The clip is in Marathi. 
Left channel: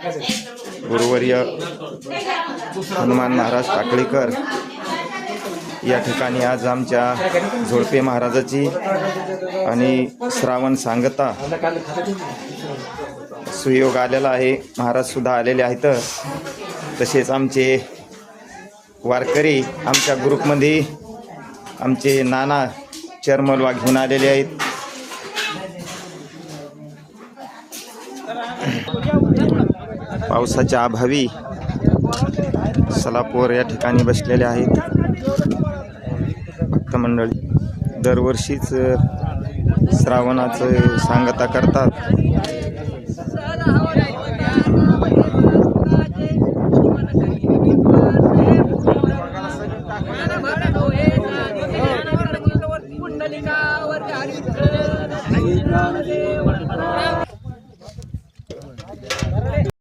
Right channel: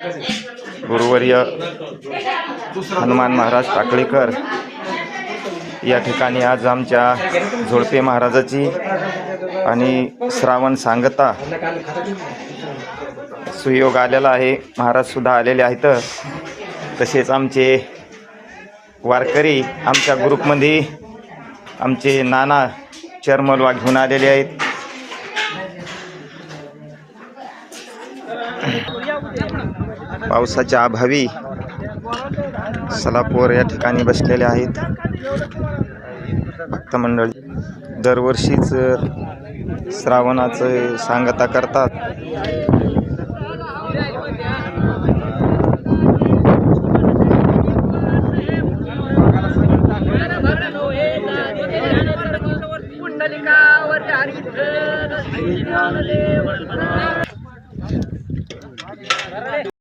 गुरुवर्य हनुमान महाराज टाकळीकर या ठिकाणी आज आमच्या झोडपे महाराजाची आणि श्रावण सांगता सुयोग आलेला आहे। महाराज सुद्धा आलेले आहेत। तसेच आमचे वारकरी आमच्या ग्रुपमध्ये आमचे नाना चरमलवा घेऊन आलेले आहेत। पावसाच्या अभावी सलापोर या ठिकाणी बसलेले आहेत। भक्त मंडळी दरवर्षीच श्रावणाचं सांगता करतात।